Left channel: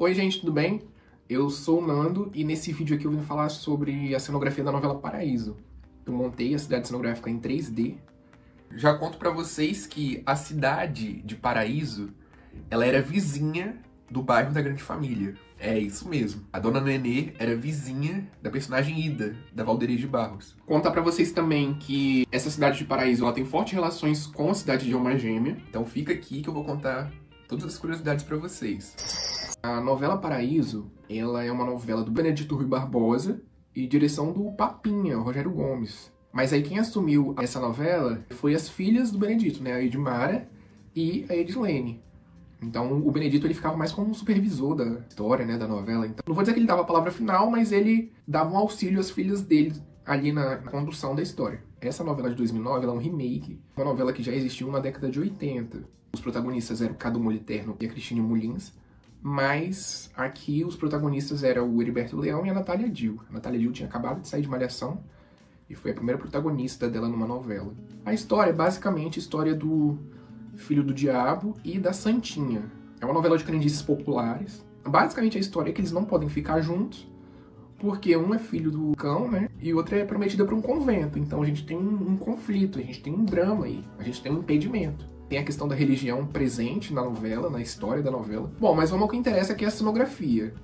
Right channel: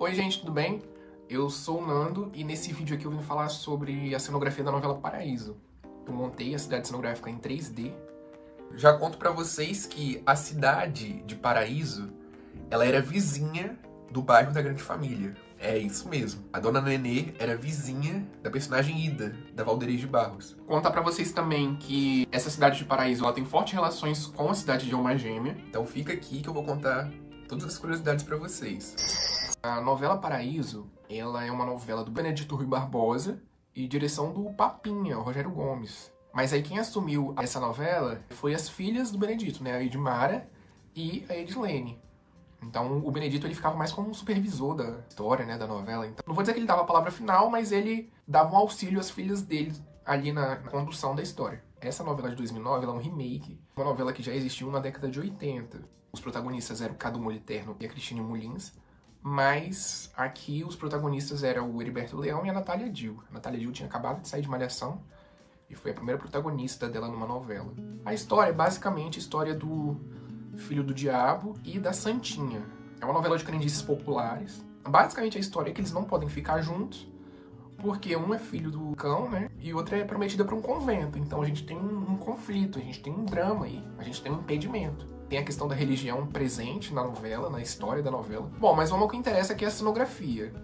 Oi gente, tudo bem? Eu sou o Nando e nesse vídeo aqui eu vim falar sobre a cenografia da novela Paraíso. Eu montei a cidade cenográfica em 3D. Já conto pra vocês que a cidade de Paraíso, ela era vizinha do bairro da Grande Família. É isso mesmo. A Dona Nenê era vizinha da personagem Ida, da Valderes de Barros. Contar pra vocês também que essa cidade de Paraíso, ela tem fortes relações com a cidade de Alma Gêmea. Então fica aqui que eu vou contar todas as curiosidades pra vocês. A novela Paraíso, ela é uma novela do Benedito Rui Barbosa e direção do Papinha, o Rogério Gomes. Mas aí quem assumiu essa novela foi as filhas do Benedito, né? A Edmara e a Edilene. Então o Benedito ele ficava mais como um supervisor da história, né, da novela. Então, não vou dizer que ele dava a palavra final, mas ele dava um auxílio às filhas dele ali na condução da história. Essa novela de 2009 ela é um remake, uma novela que já existiu na década de 80. Os protagonistas eram Cadu Moliterno e a Cristine Mulins. Mas aqui os protagonistas eram o Heriberto Leão e a Natália Dill. A Natália Dill tinha acabado de sair de Malhação e foi a primeira protagonista dela numa novela. A história é basicamente a história do filho do diabo e da Santinha. É uma novela de crendices populares. Basicamente a história é que eles não podem ficar juntos porque um é filho do cão, né? E o outro é prometida para um convento. Então a gente tem um conflito, a gente tem um drama aí, a gente tem um impedimento. Tem a questão da religião presente na novela, na história da novela. Bom, mas vamos ao que interessa, que é a cenografia.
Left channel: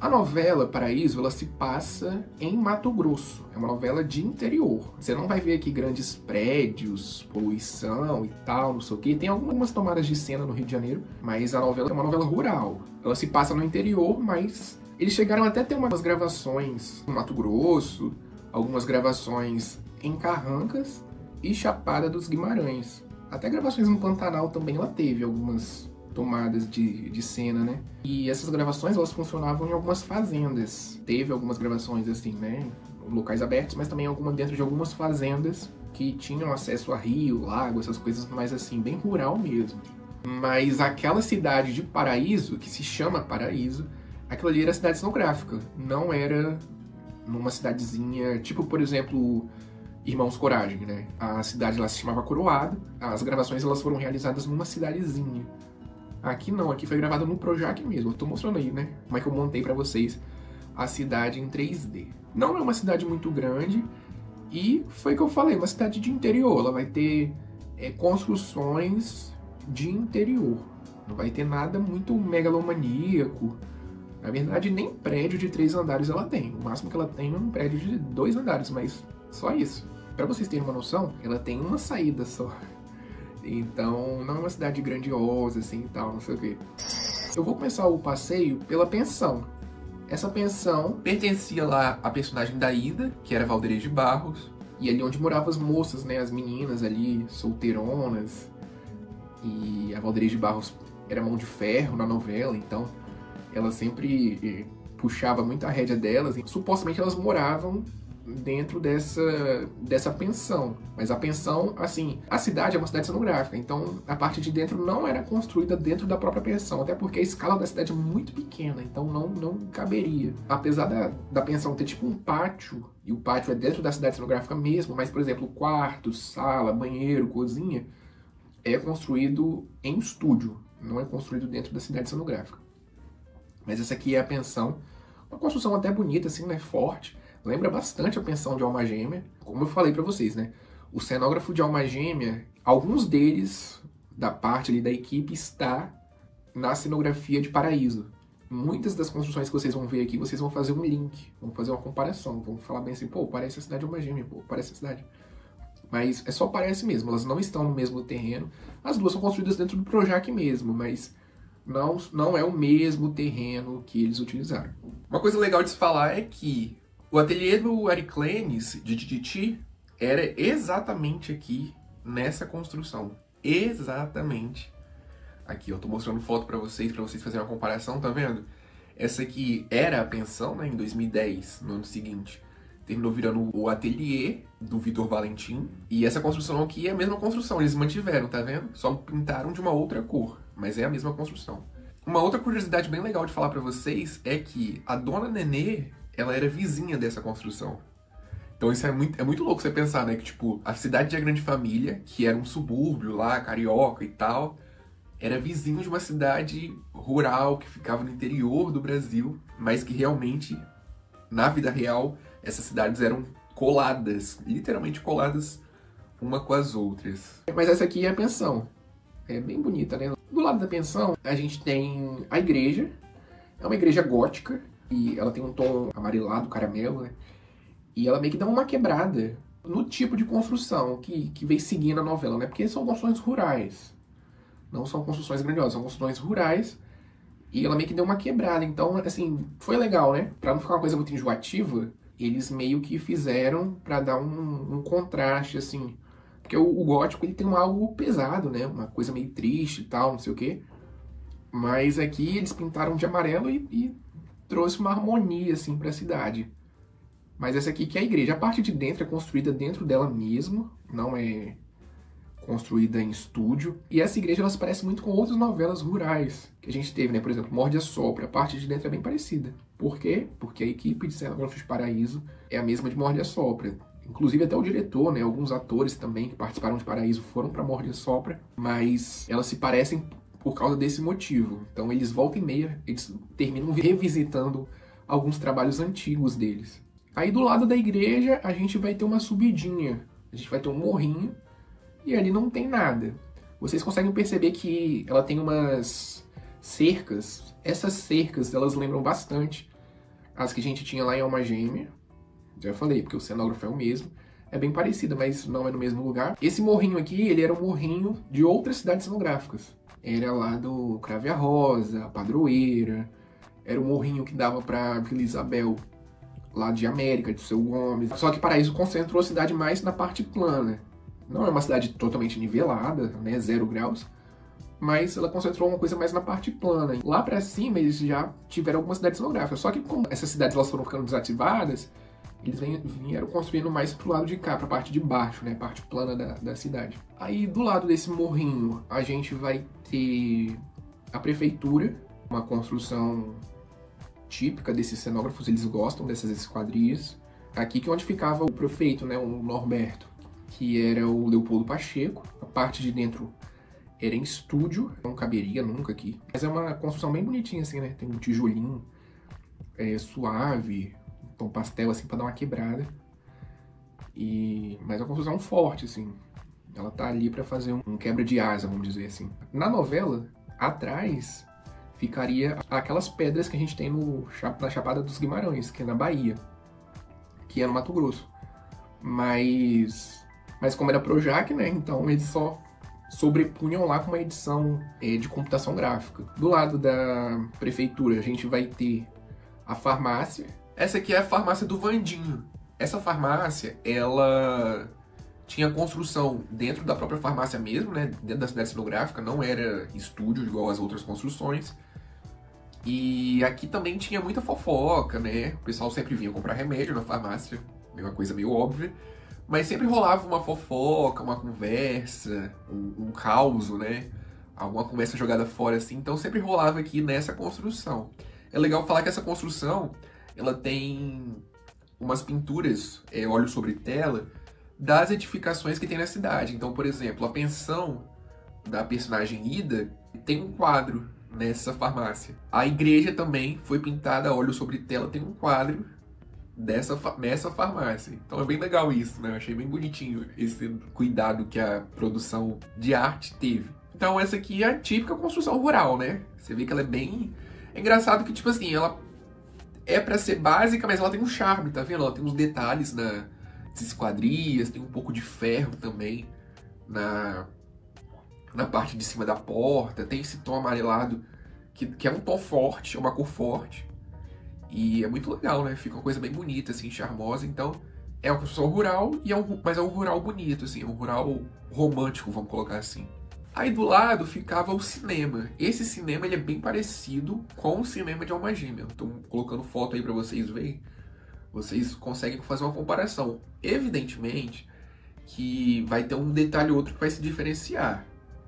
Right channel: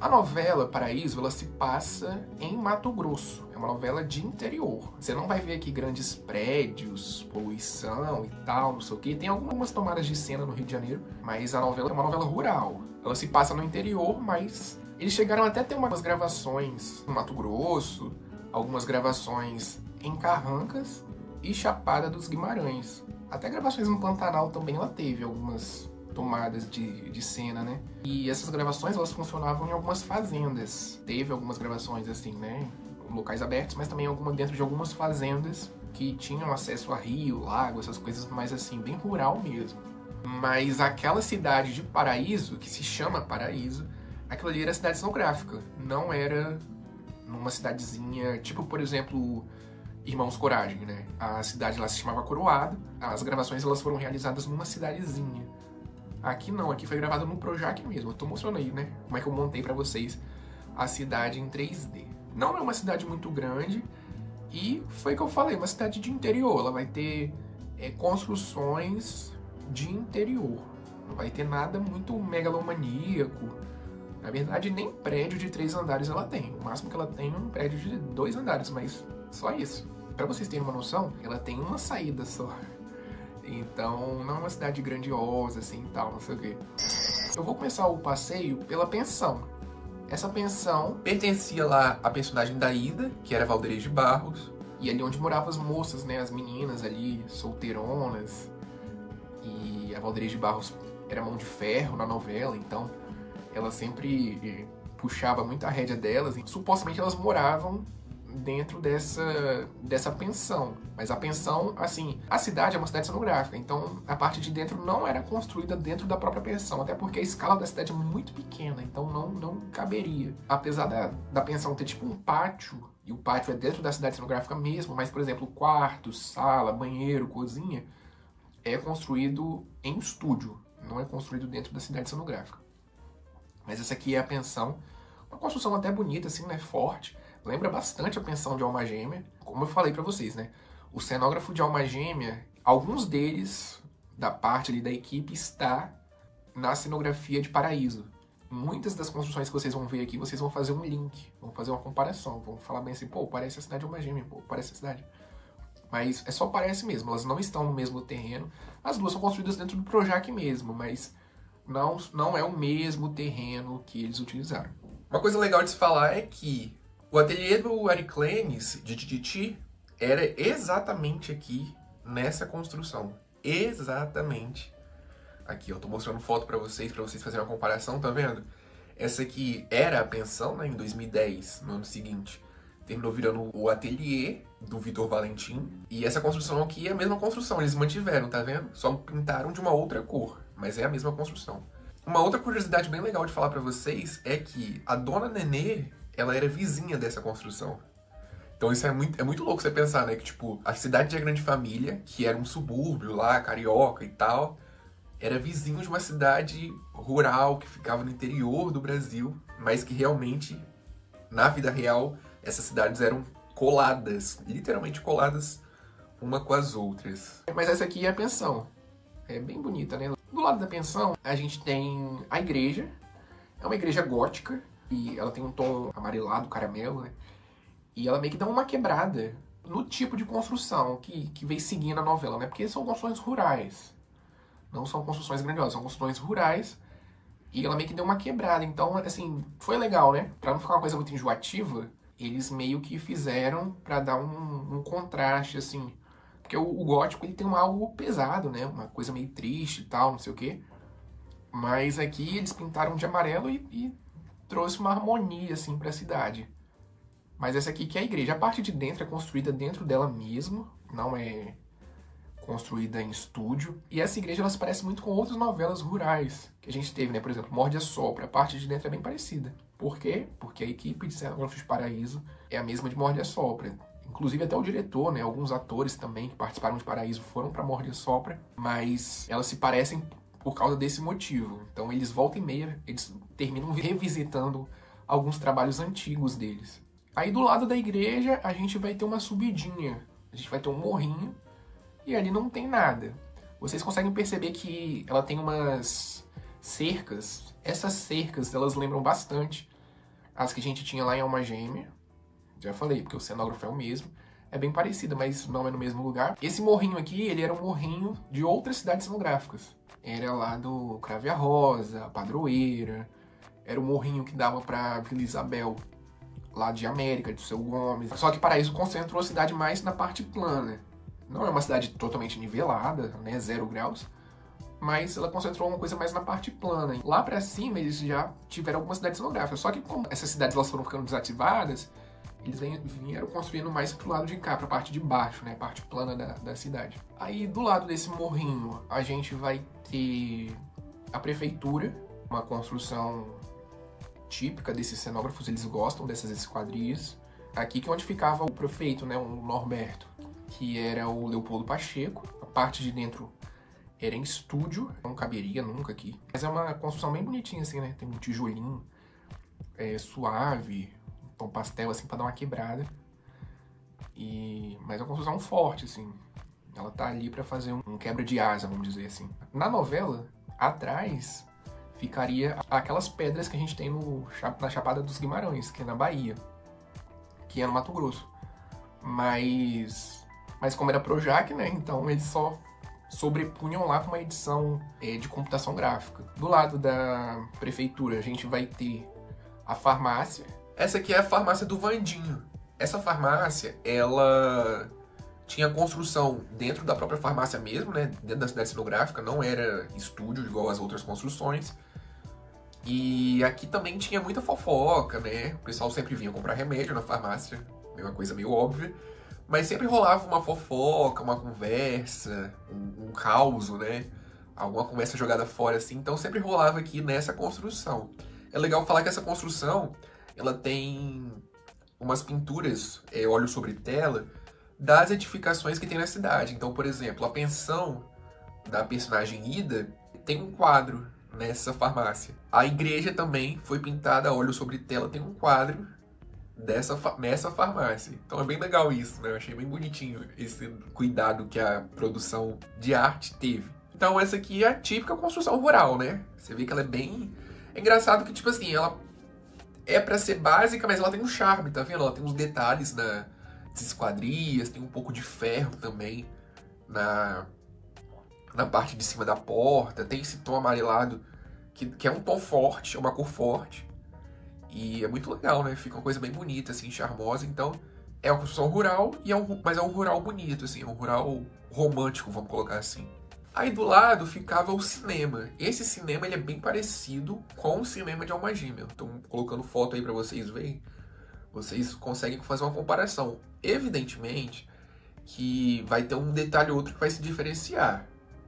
A novela Paraíso, ela se passa em Mato Grosso. É uma novela de interior. Você não vai ver aqui grandes prédios, poluição e tal, não sei o quê. Tem algumas tomadas de cena no Rio de Janeiro, mas a novela é uma novela rural. Ela se passa no interior, mas eles chegaram até a ter umas gravações no Mato Grosso, algumas gravações em Carrancas e Chapada dos Guimarães. Até gravações no Pantanal também ela teve algumas tomadas de cena, né? E essas gravações, elas funcionavam em algumas fazendas. Teve algumas gravações assim, né? Locais abertos, mas também alguma dentro de algumas fazendas que tinham acesso a rio, lago, essas coisas mais assim, bem rural mesmo. Mas aquela cidade de Paraíso, que se chama Paraíso, aquilo ali era cidade cenográfica. Não era numa cidadezinha, tipo, por exemplo, Irmãos Coragem, né? A cidade lá se chamava Coroado. As gravações elas foram realizadas numa cidadezinha. Aqui não, aqui foi gravado no Projac mesmo. Eu tô mostrando aí, né? Como é que eu montei pra vocês a cidade em 3D. Não é uma cidade muito grande e foi o que eu falei, uma cidade de interior. Ela vai ter construções de interior. Não vai ter nada muito megalomaníaco. Na verdade, nem prédio de 3 andares ela tem. O máximo que ela tem é um prédio de 2 andares, mas só isso. Pra vocês terem uma noção, ela tem uma saída só. Então, não é uma cidade grandiosa, assim, e tal, não sei o quê. Eu vou começar o passeio pela pensão. Essa pensão pertencia lá à personagem da Ida, que era Valderes de Barros, e ali onde moravam as moças, né, as meninas ali, solteironas. E a Valderes de Barros era mão de ferro na novela, então ela sempre puxava muito a rédea delas, e supostamente elas moravam dentro dessa pensão. Mas a pensão, assim, a cidade é uma cidade cenográfica, então a parte de dentro não era construída dentro da própria pensão, até porque a escala da cidade é muito pequena, então não caberia. Apesar da pensão ter tipo um pátio, e o pátio é dentro da cidade cenográfica mesmo, mas, por exemplo, quarto, sala, banheiro, cozinha, é construído em estúdio, não é construído dentro da cidade cenográfica. Mas essa aqui é a pensão, uma construção até bonita, assim, né, forte. Lembra bastante a pensão de Alma Gêmea. Como eu falei pra vocês, né? O cenógrafo de Alma Gêmea, alguns deles, da parte ali da equipe, está na cenografia de Paraíso. Muitas das construções que vocês vão ver aqui, vocês vão fazer um link, vão fazer uma comparação, vão falar bem assim, pô, parece a cidade de Alma Gêmea, pô, parece a cidade. Mas é só parece mesmo, elas não estão no mesmo terreno. As duas são construídas dentro do Projac mesmo, mas não é o mesmo terreno que eles utilizaram. Uma coisa legal de se falar é que o ateliê do Ariclenes, de Tititi, era exatamente aqui, nessa construção. Exatamente aqui. Eu tô mostrando foto pra vocês fazerem uma comparação, tá vendo? Essa aqui era a pensão, né, em 2010, no ano seguinte. Terminou virando o ateliê do Vitor Valentim. E essa construção aqui é a mesma construção, eles mantiveram, tá vendo? Só pintaram de uma outra cor, mas é a mesma construção. Uma outra curiosidade bem legal de falar pra vocês é que a Dona Nenê, ela era vizinha dessa construção. Então isso é muito louco você pensar, né? Que, tipo, a cidade da Grande Família, que era um subúrbio lá, carioca e tal, era vizinho de uma cidade rural que ficava no interior do Brasil, mas que realmente, na vida real, essas cidades eram coladas, literalmente coladas uma com as outras. Mas essa aqui é a pensão. É bem bonita, né? Do lado da pensão, a gente tem a igreja. É uma igreja gótica e ela tem um tom amarelado, caramelo, né? E ela meio que dá uma quebrada no tipo de construção que vem seguindo a novela, né? Porque são construções rurais. Não são construções grandiosas, são construções rurais. E ela meio que deu uma quebrada. Então, assim, foi legal, né? Pra não ficar uma coisa muito enjoativa, eles meio que fizeram pra dar um contraste, assim. Porque o gótico, ele tem algo pesado, né? Uma coisa meio triste e tal, não sei o quê. Mas aqui eles pintaram de amarelo e trouxe uma harmonia, assim, pra cidade. Mas essa aqui que é a igreja. A parte de dentro é construída dentro dela mesmo, não é construída em estúdio. E essa igreja, ela se parece muito com outras novelas rurais que a gente teve, né? Por exemplo, Morde a Sopra. A parte de dentro é bem parecida. Por quê? Porque a equipe de Cenógrafos de Paraíso é a mesma de Morde a Sopra. Inclusive até o diretor, né? Alguns atores também que participaram de Paraíso foram para Morde a Sopra, mas elas se parecem por causa desse motivo. Então eles volta e meia, eles terminam revisitando alguns trabalhos antigos deles. Aí do lado da igreja a gente vai ter uma subidinha, a gente vai ter um morrinho e ali não tem nada. Vocês conseguem perceber que ela tem umas cercas. Essas cercas, elas lembram bastante as que a gente tinha lá em Alma Gêmea. Já falei, porque o cenógrafo é o mesmo. É bem parecida, mas não é no mesmo lugar. Esse morrinho aqui, ele era um morrinho de outras cidades cenográficas. Era lá do Crave a Rosa, Padroeira. Era o morrinho que dava pra Vila Isabel, lá de América, de Seu Gomes. Só que Paraíso concentrou a cidade mais na parte plana. Não é uma cidade totalmente nivelada, né, 0 graus, mas ela concentrou uma coisa mais na parte plana. Lá pra cima eles já tiveram algumas cidades cenográficas, só que como essas cidades elas foram ficando desativadas, eles vieram construindo mais pro lado de cá, pra parte de baixo, né, parte plana da cidade. Aí do lado desse morrinho a gente vai ter a prefeitura, uma construção típica desses cenógrafos, eles gostam dessas esquadrias. Aqui que é onde ficava o prefeito, né, o Norberto, que era o Leopoldo Pacheco. A parte de dentro era em estúdio, não caberia nunca aqui. Mas é uma construção bem bonitinha, assim, né? Tem um tijolinho suave, um tom pastel, assim, pra dar uma quebrada. Mas é uma construção forte, assim. Ela tá ali pra fazer um quebra de asa, vamos dizer assim. Na novela, atrás, ficaria aquelas pedras que a gente tem na Chapada dos Guimarães, que é na Bahia, que é no Mato Grosso. Mas como era Projac, né, então eles só sobrepunham lá com uma edição de computação gráfica. Do lado da prefeitura, a gente vai ter a farmácia. Essa aqui é a farmácia do Vandinho. Essa farmácia, ela tinha construção dentro da própria farmácia mesmo, né, dentro da cidade cenográfica, não era estúdio igual as outras construções. E aqui também tinha muita fofoca, né, o pessoal sempre vinha comprar remédio na farmácia, é uma coisa meio óbvia. Mas sempre rolava uma fofoca, uma conversa, um caos, né? Alguma conversa jogada fora, assim. Então sempre rolava aqui nessa construção. É legal falar que essa construção, ela tem umas pinturas, óleo sobre tela, das edificações que tem na cidade. Então, por exemplo, a pensão da personagem Ida tem um quadro nessa farmácia. A igreja também foi pintada a óleo sobre tela, tem um quadro nessa farmácia. Então é bem legal isso, né? Eu achei bem bonitinho esse cuidado que a produção de arte teve. Então essa aqui é a típica construção rural, né? Você vê que ela é bem... É engraçado que, tipo assim, ela é pra ser básica, mas ela tem um charme, tá vendo? Ela tem uns detalhes nas esquadrias, tem um pouco de ferro também na parte de cima da porta, tem esse tom amarelado que é um tom forte, é uma cor forte. E é muito legal, né? Fica uma coisa bem bonita, assim, charmosa. Então, é uma construção rural, mas é um rural bonito, assim. É um rural romântico, vamos colocar assim. Aí do lado ficava o cinema. Esse cinema, ele é bem parecido com o cinema de Alma Gêmea. Estou colocando foto aí pra vocês verem. Vocês conseguem fazer uma comparação. Evidentemente que vai ter um detalhe ou outro que vai se diferenciar.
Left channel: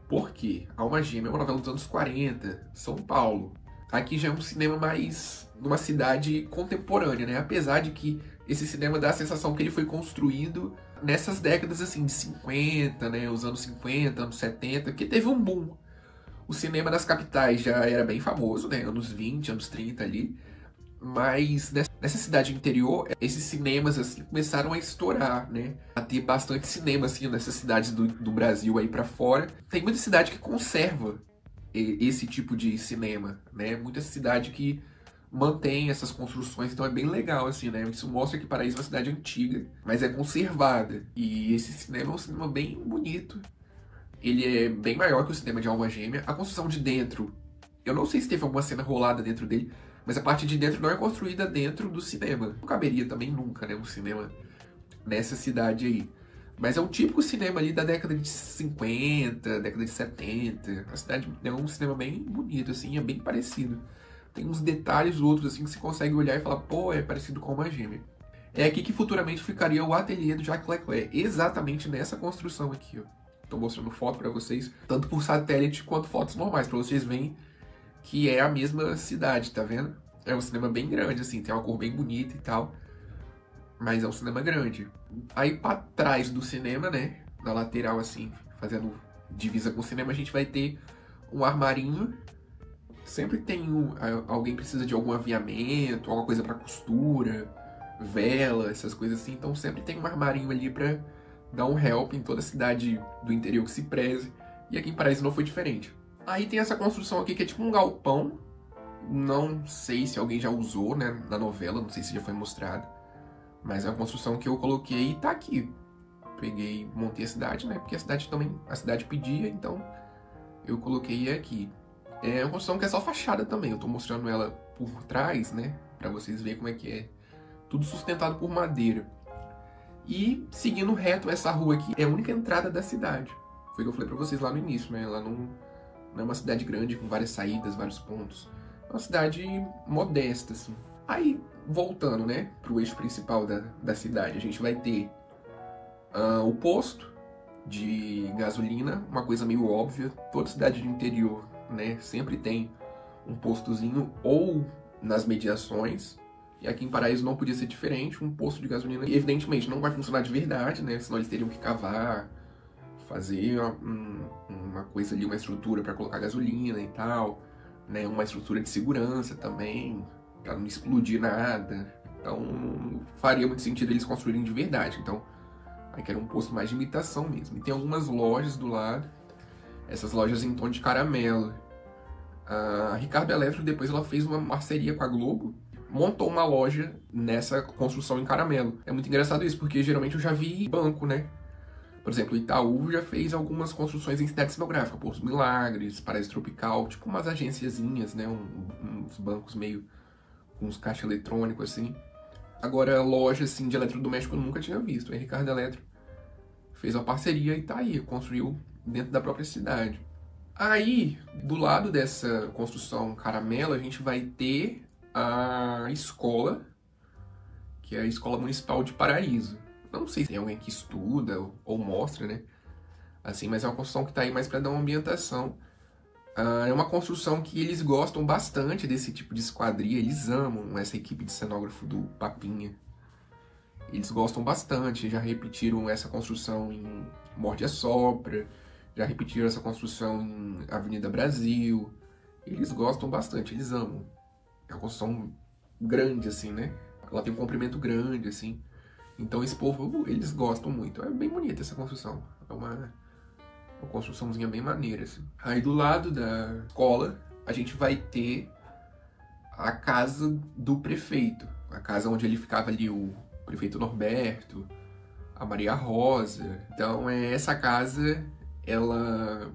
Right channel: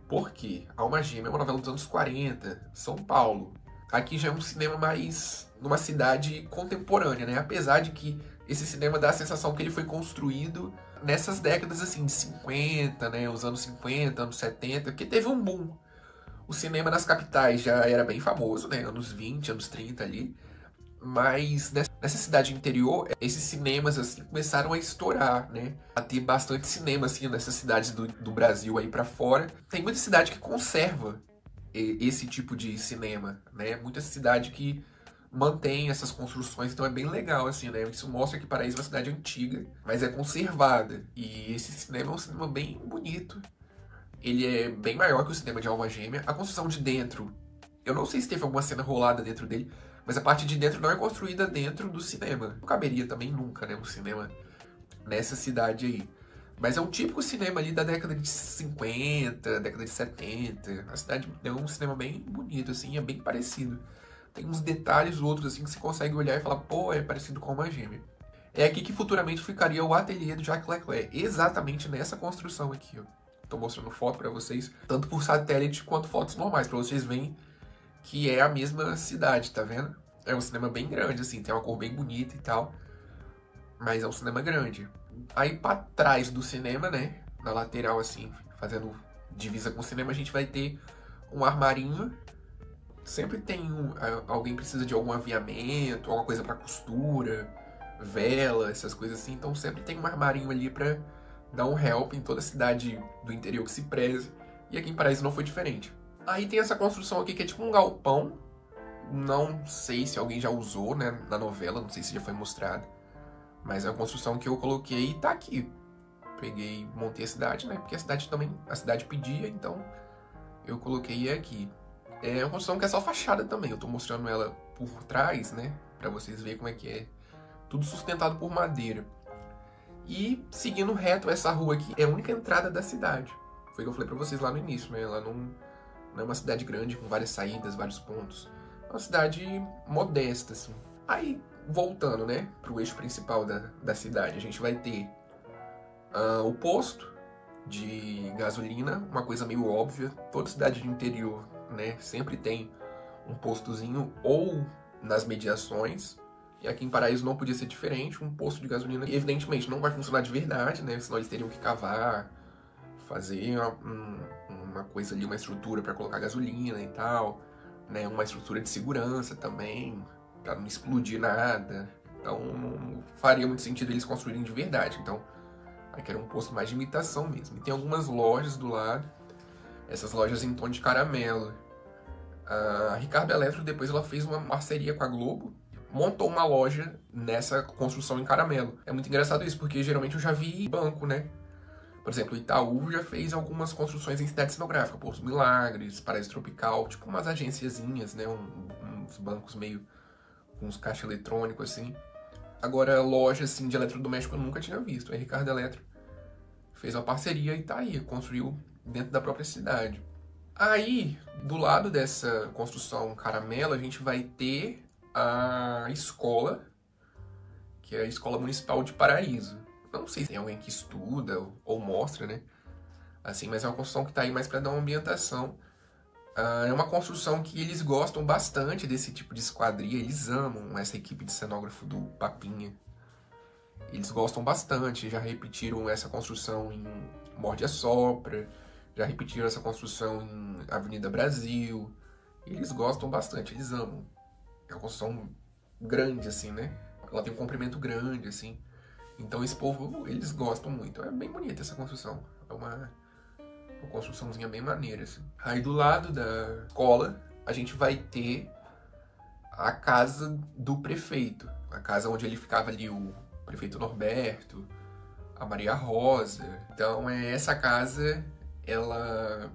Por quê? Alma Gêmea é uma novela dos anos 40, São Paulo. Aqui já é um cinema mais numa cidade contemporânea, né? Apesar de que esse cinema dá a sensação que ele foi construído nessas décadas, assim, de 50, né? Os anos 50, anos 70, que teve um boom. O cinema nas capitais já era bem famoso, né? Anos 20, anos 30 ali. Mas nessa cidade interior, esses cinemas, assim, começaram a estourar, né? A ter bastante cinema, assim, nessas cidades do Brasil aí pra fora. Tem muita cidade que conserva esse tipo de cinema, né? Muita cidade que mantém essas construções, então é bem legal, assim, né? Isso mostra que Paraíso é uma cidade antiga, mas é conservada. E esse cinema é um cinema bem bonito. Ele é bem maior que o cinema de Alma Gêmea. A construção de dentro, eu não sei se teve alguma cena rolada dentro dele, mas a parte de dentro não é construída dentro do cinema. Não caberia também nunca, né, um cinema nessa cidade aí. Mas é um típico cinema ali da década de 50, década de 70. A cidade é um cinema bem bonito, assim, é bem parecido. Tem uns detalhes outros, assim, que você consegue olhar e falar, pô, é parecido com Alma Gêmea. É aqui que futuramente ficaria o ateliê do Jacques Leclerc, exatamente nessa construção aqui, ó. Tô mostrando foto pra vocês, tanto por satélite quanto fotos normais, pra vocês verem que é a mesma cidade, tá vendo? É um cinema bem grande, assim, tem uma cor bem bonita e tal, mas é um cinema grande. Aí pra trás do cinema, né, na lateral, assim, fazendo divisa com o cinema, a gente vai ter um armarinho. Sempre tem alguém precisa de algum aviamento, alguma coisa pra costura, vela, essas coisas assim, então sempre tem um armarinho ali pra dar um help em toda a cidade do interior que se preze, e aqui em Paraíso não foi diferente. Aí tem essa construção aqui que é tipo um galpão, não sei se alguém já usou, né, na novela, não sei se já foi mostrado, mas é uma construção que eu coloquei e tá aqui. Peguei, montei a cidade, né, porque a cidade pedia, então eu coloquei aqui. É uma construção que é só fachada também, eu tô mostrando ela por trás, né, pra vocês verem como é que é. Tudo sustentado por madeira. E seguindo reto, essa rua aqui é a única entrada da cidade. Foi o que eu falei pra vocês lá no início, né? Ela não é uma cidade grande com várias saídas, vários pontos. É uma cidade modesta, assim. Aí, voltando, né, pro eixo principal da cidade, a gente vai ter o posto de gasolina, uma coisa meio óbvia. Toda cidade de interior, né, sempre tem um postozinho ou nas mediações. E aqui em Paraíso não podia ser diferente, um posto de gasolina, e evidentemente não vai funcionar de verdade, né? Senão eles teriam que cavar, fazer uma coisa ali, uma estrutura para colocar gasolina e tal, né? Uma estrutura de segurança também, para não explodir nada. Então não faria muito sentido eles construírem de verdade. Então aqui era um posto mais de imitação mesmo. E tem algumas lojas do lado, essas lojas em tom de caramelo. A Ricardo Eletro depois ela fez uma parceria com a Globo, montou uma loja nessa construção em caramelo. É muito engraçado isso, porque geralmente eu já vi banco, né? Por exemplo, o Itaú já fez algumas construções em cidade cenográfica, Porto Milagres, Paraíso Tropical, tipo umas agenciazinhas, né? Uns bancos meio com uns caixas eletrônicos, assim. Agora, loja, assim, de eletrodoméstico eu nunca tinha visto. A Ricardo Eletro fez uma parceria e tá aí, construiu dentro da própria cidade. Aí, do lado dessa construção caramelo, a gente vai ter a escola, que é a Escola Municipal de Paraíso. Não sei se tem alguém que estuda ou mostra, né? Assim, mas é uma construção que tá aí mais para dar uma ambientação. É uma construção que eles gostam bastante desse tipo de esquadria, eles amam essa equipe de cenógrafo do Papinha. Eles gostam bastante, já repetiram essa construção em Morde a Sopra, já repetiram essa construção em Avenida Brasil. Eles gostam bastante, eles amam. É uma construção grande, assim, né? Ela tem um comprimento grande, assim. Então esse povo, eles gostam muito. É bem bonita essa construção. É uma construçãozinha bem maneira, assim. Aí do lado da escola, a gente vai ter a casa do prefeito. A casa onde ele ficava ali, o prefeito Norberto, a Maria Rosa. Então essa casa, ela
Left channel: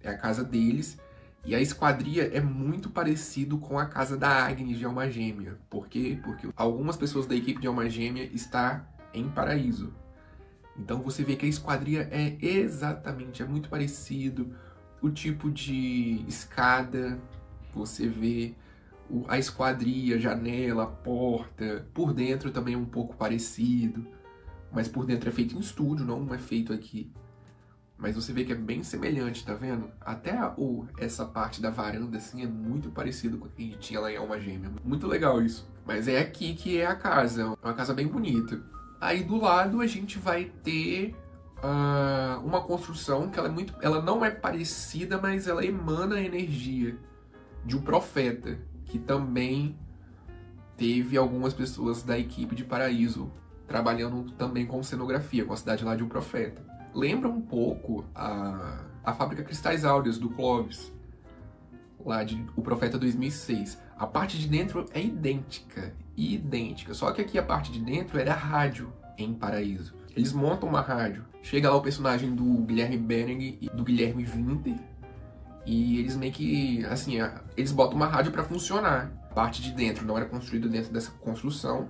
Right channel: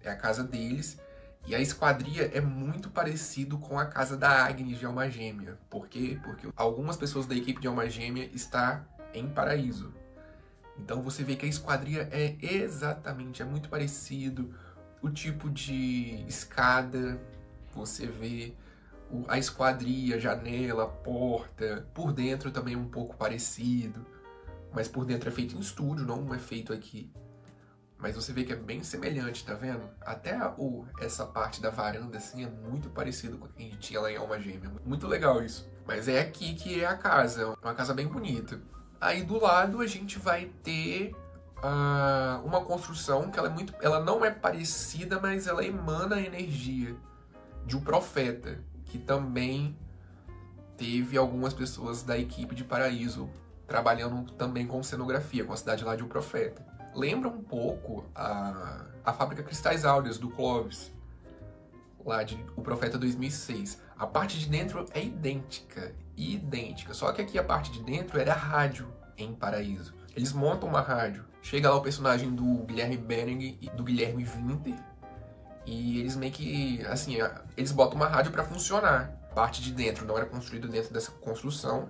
é a casa deles. E a esquadria é muito parecido com a casa da Agnes de Alma Gêmea. Por quê? Porque algumas pessoas da equipe de Alma Gêmea estão em Paraíso. Então você vê que a esquadria é muito parecido. O tipo de escada, você vê a esquadria, a janela, a porta. Por dentro também é um pouco parecido. Mas por dentro é feito em estúdio, não é feito aqui. Mas você vê que é bem semelhante, tá vendo? Até essa parte da varanda, assim, é muito parecido com o que a gente tinha lá em Alma Gêmea. Muito legal isso. Mas é aqui que é a casa. É uma casa bem bonita. Aí do lado a gente vai ter uma construção que ela não é parecida, mas ela emana a energia de um profeta, que também teve algumas pessoas da equipe de Paraíso trabalhando também com cenografia, com a cidade lá de um profeta. Lembra um pouco a fábrica Cristais Áureos do Clovis, lá de O Profeta 2006. A parte de dentro é idêntica, só que aqui a parte de dentro era rádio em Paraíso. Eles montam uma rádio, chega lá o personagem do Guilherme Bening e do Guilherme Winter, e eles meio que, assim, eles botam uma rádio para funcionar. A parte de dentro não era construída dentro dessa construção,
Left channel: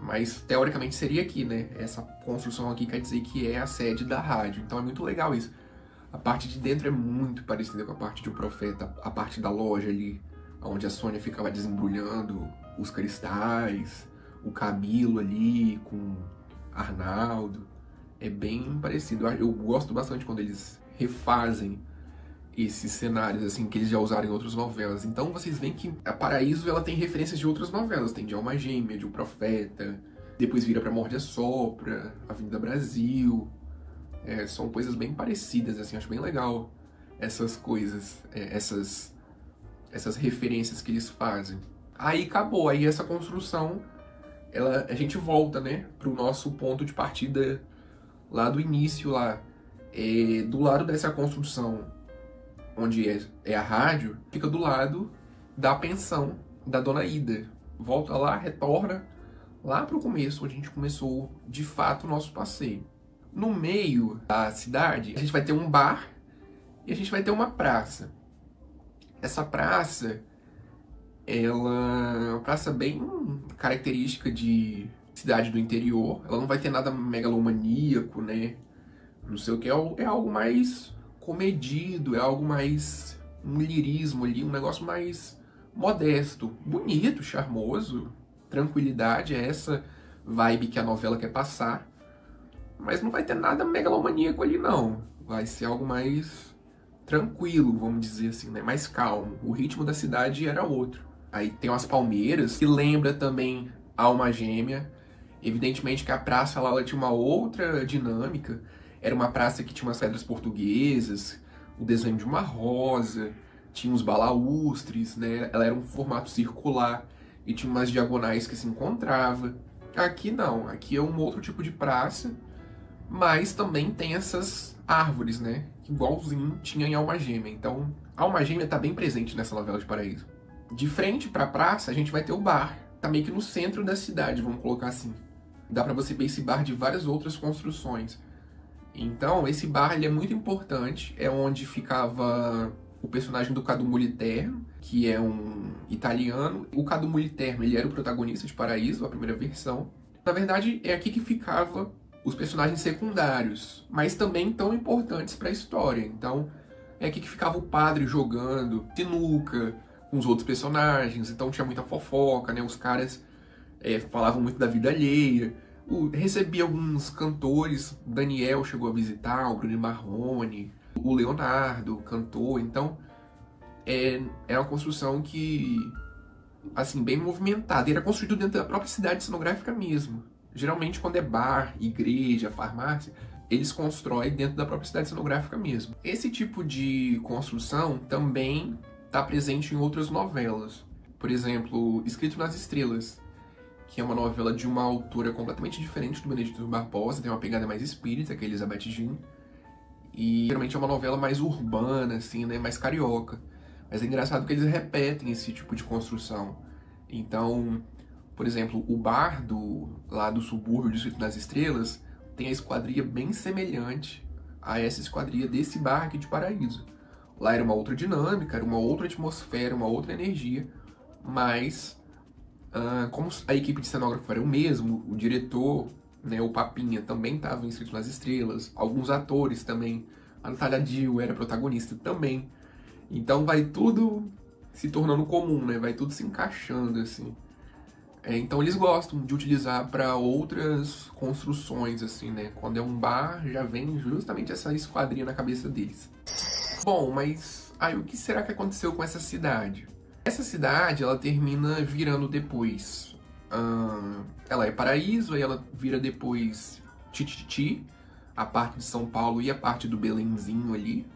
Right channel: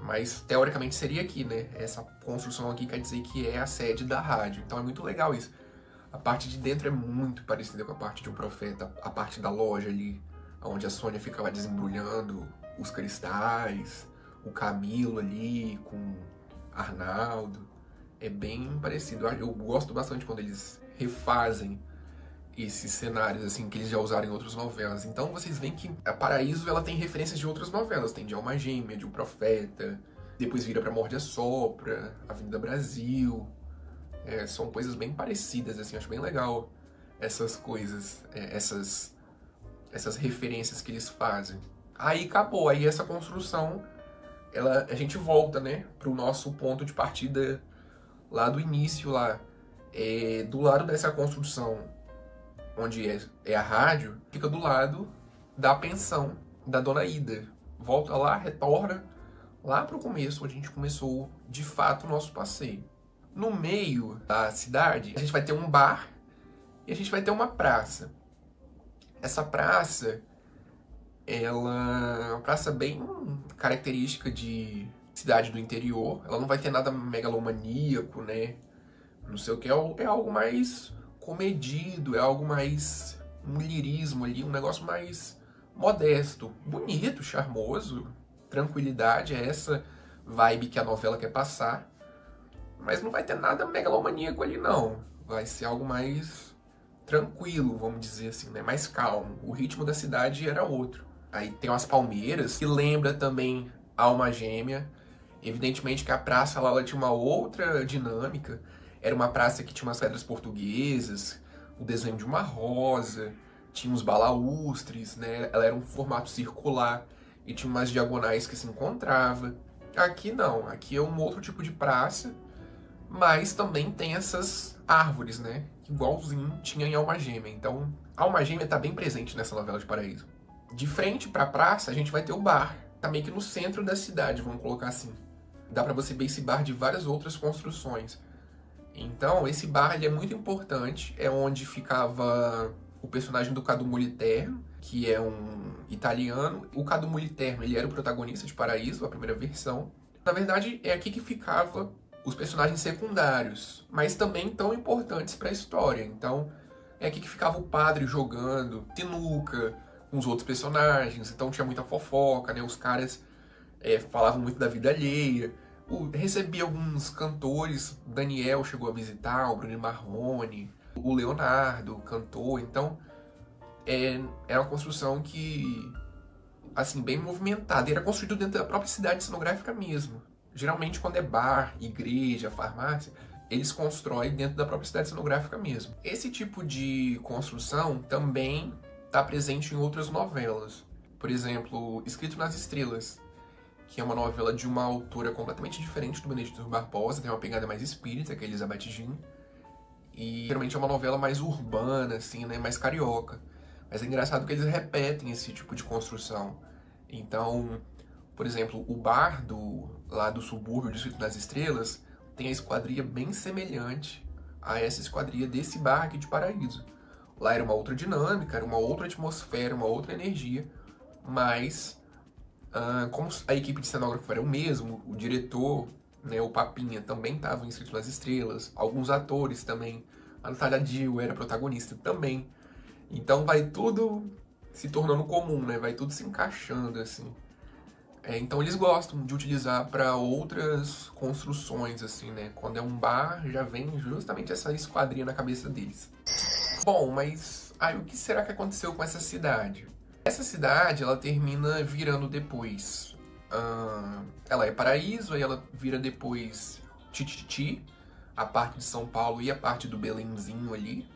mas teoricamente seria aqui, né? Essa construção aqui quer dizer que é a sede da rádio, então é muito legal isso. A parte de dentro é muito parecida com a parte de um profeta, a parte da loja ali, onde a Sônia ficava desembrulhando os cristais, o Camilo ali com Arnaldo. É bem parecido. Eu gosto bastante quando eles refazem esses cenários assim que eles já usaram em outras novelas. Então vocês veem que a Paraíso ela tem referências de outras novelas. Tem de Alma Gêmea, de O Profeta, depois vira pra Morde a Sopra, Avenida Brasil. São coisas bem parecidas, assim, acho bem legal essas coisas, essas referências que eles fazem. Aí acabou, aí essa construção, a gente volta, né, pro nosso ponto de partida lá do início, lá. Do lado dessa construção, onde é a rádio, fica do lado da pensão da Dona Ida. Volta lá, retorna lá pro começo, onde a gente começou, de fato, o nosso passeio. No meio da cidade, a gente vai ter um bar e a gente vai ter uma praça. Essa praça, ela é uma praça bem característica de cidade do interior. Ela não vai ter nada megalomaníaco, né? Não sei o que, é algo mais comedido, é algo mais um lirismo ali, um negócio mais modesto, bonito, charmoso, tranquilidade, é essa vibe que a novela quer passar. Mas não vai ter nada megalomaníaco ali, não. Vai ser algo mais tranquilo, vamos dizer assim, né? Mais calmo. O ritmo da cidade era outro. Aí tem umas palmeiras, que lembra também Alma Gêmea. Evidentemente que a praça lá ela tinha uma outra dinâmica. Era uma praça que tinha umas pedras portuguesas, o desenho de uma rosa, tinha uns balaústres, né? Ela era um formato circular e tinha umas diagonais que se encontrava. Aqui não, aqui é um outro tipo de praça, mas também tem essas árvores, né? Igualzinho tinha em Alma Gêmea. Então, Alma Gêmea tá bem presente nessa novela de Paraíso. De frente pra praça, a gente vai ter o bar. Tá meio que no centro da cidade, vamos colocar assim. Dá pra você ver esse bar de várias outras construções. Então, esse bar ele é muito importante. É onde ficava o personagem do Cadu Moliterno, que é um italiano. O Cadu Moliterno, ele era o protagonista de Paraíso, a primeira versão. Na verdade, é aqui que ficava os personagens secundários, mas também tão importantes para a história. Então, é aqui que ficava o padre jogando sinuca com os outros personagens, então tinha muita fofoca, né? Os caras falavam muito da vida alheia. Recebia alguns cantores, Daniel chegou a visitar, o Bruno Marrone, o Leonardo cantou, então é uma construção que, assim, bem movimentada. E era construído dentro da própria cidade cenográfica mesmo. Geralmente, quando é bar, igreja, farmácia, eles constroem dentro da própria cidade cenográfica mesmo. Esse tipo de construção também está presente em outras novelas. Por exemplo, Escrito nas Estrelas, que é uma novela de uma autora completamente diferente do Benedito Barbosa, tem uma pegada mais espírita, que é Elizabeth Jean. E geralmente é uma novela mais urbana, assim, né, mais carioca. Mas é engraçado que eles repetem esse tipo de construção. Então, por exemplo, o bar lá do subúrbio do Escrito nas Estrelas tem a esquadria bem semelhante a essa esquadria desse bar aqui de Paraíso. Lá era uma outra dinâmica, era uma outra atmosfera, uma outra energia, mas como a equipe de cenógrafo era o mesmo, o diretor, né, o Papinha, também estava inscrito nas Estrelas, alguns atores também, a Natália Dill era protagonista também. Então vai tudo se tornando comum, né? Vai tudo se encaixando, assim. Então eles gostam de utilizar para outras construções, assim, né? Quando é um bar, já vem justamente essa esquadria na cabeça deles. Bom, mas aí o que será que aconteceu com essa cidade? Essa cidade, ela termina virando depois... ela é Paraíso, aí ela vira depois Tititi, a parte de São Paulo e a parte do Belenzinho ali.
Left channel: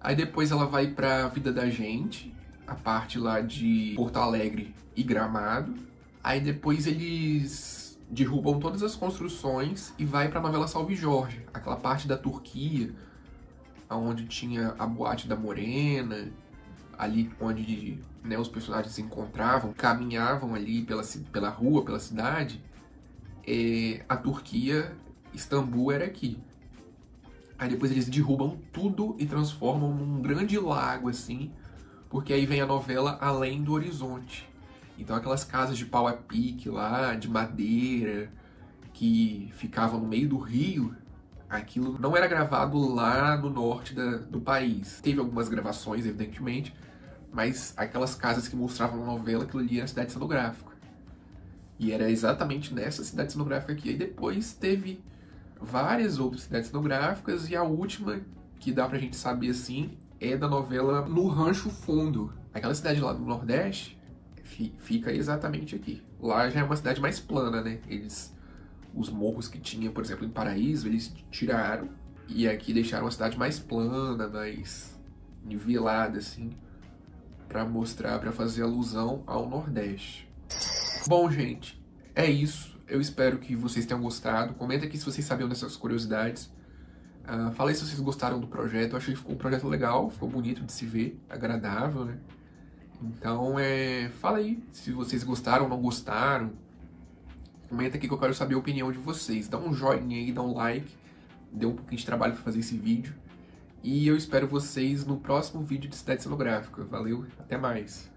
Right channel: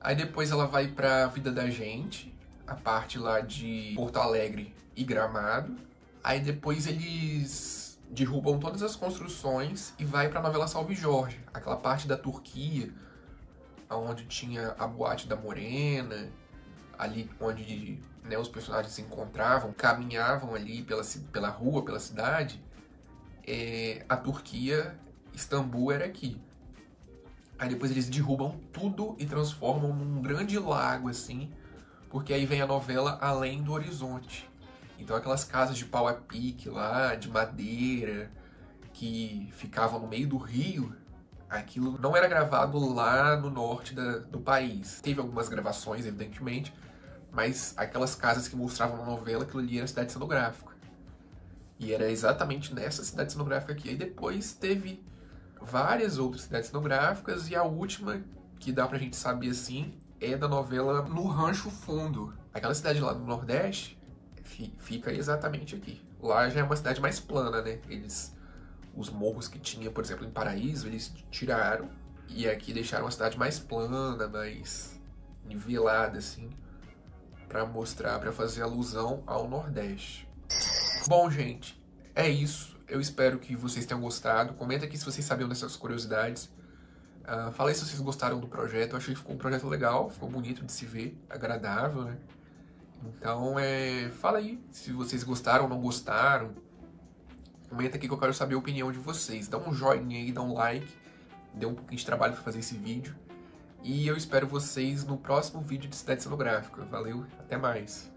Aí depois ela vai pra Vida da Gente, a parte lá de Porto Alegre e Gramado. Aí depois eles derrubam todas as construções e vai pra novela Salve Jorge, aquela parte da Turquia, onde tinha a Boate da Morena, ali onde, né, os personagens se encontravam, caminhavam ali pela rua, pela cidade. A Turquia, Istambul era aqui. Aí depois eles derrubam tudo e transformam num grande lago, assim, porque aí vem a novela Além do Horizonte. Então aquelas casas de pau a pique lá, de madeira, que ficavam no meio do rio, aquilo não era gravado lá no norte do país. Teve algumas gravações, evidentemente, mas aquelas casas que mostravam na novela, aquilo ali era cidade cenográfica. E era exatamente nessa cidade cenográfica aqui. Aí depois teve várias outras cidades cenográficas, e a última que dá pra gente saber assim é da novela No Rancho Fundo. Aquela cidade lá no Nordeste fica exatamente aqui. Lá já é uma cidade mais plana, né? Os morros que tinha, por exemplo, em Paraíso, eles tiraram e aqui deixaram a cidade mais plana, mais nivelada, assim, pra mostrar, pra fazer alusão ao Nordeste. Bom, gente, é isso. Eu espero que vocês tenham gostado. Comenta aqui se vocês sabiam dessas curiosidades. Fala aí se vocês gostaram do projeto. Eu achei que ficou um projeto legal, ficou bonito de se ver, agradável, né? Então, fala aí se vocês gostaram ou não gostaram. Comenta aqui que eu quero saber a opinião de vocês. Dá um joinha aí, dá um like. Deu um pouquinho de trabalho para fazer esse vídeo. E eu espero vocês no próximo vídeo de Cidade Cenográfica. Valeu, até mais!